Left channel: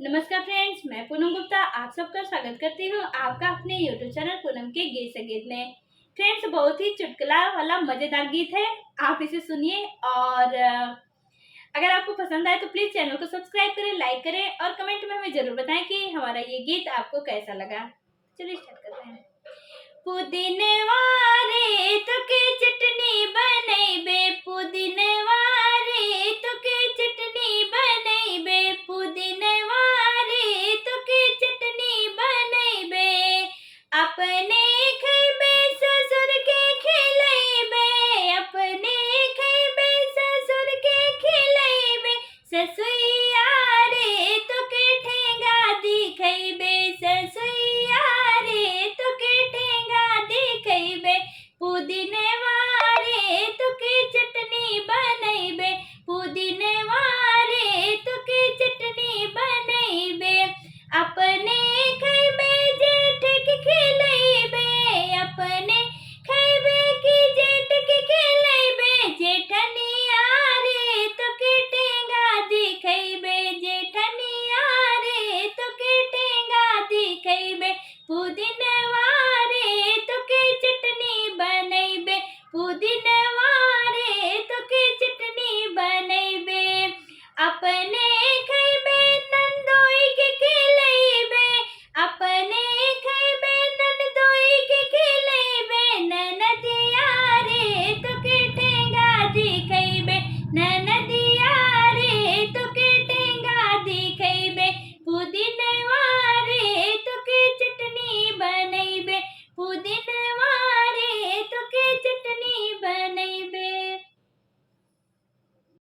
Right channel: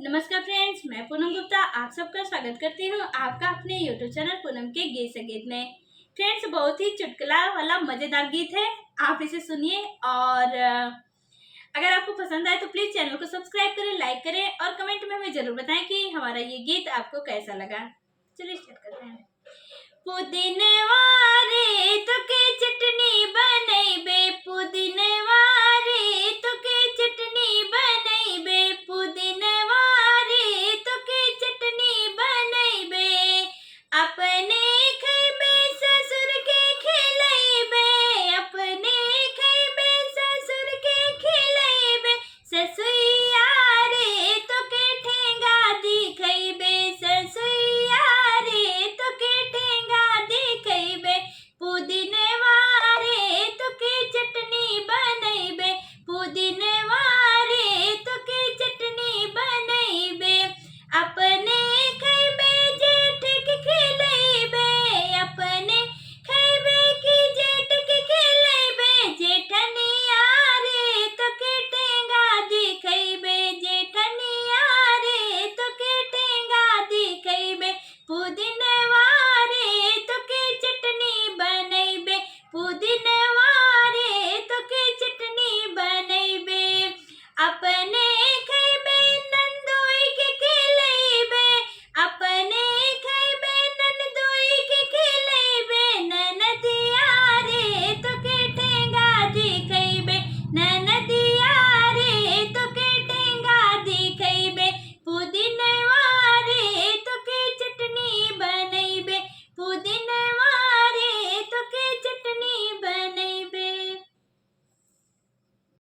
नमस्कार फ्रेंड्स, मैं पूनम गुप्ता आप सबका स्वागत करती हूँ आपका अपने यूट्यूब चैनल पूनम के गीत संगीत में। फ्रेंड्स, बहुत ही चुटकुला वाला मजेदार गीत है, आप इसे सुनिए और अगर आपको पसंद आए तो प्लीज चैनल को सब्सक्राइब करें, लाइक करें और कमेंट में हमें जरूर बताएं कि हमारा ये गीत आपको कैसा लगा। चलिए स्टार्ट करते हैं। पुदीनवा रे तो के चटनी बनैबे, पुदीनवा रे तो के चटनी बनैबे, पुदीनवा रे तो के चटनी बनैबे, अपने खैबे ससुर के खिलैबे, अपने खैबे ससुर के खिलैबे, ससुइया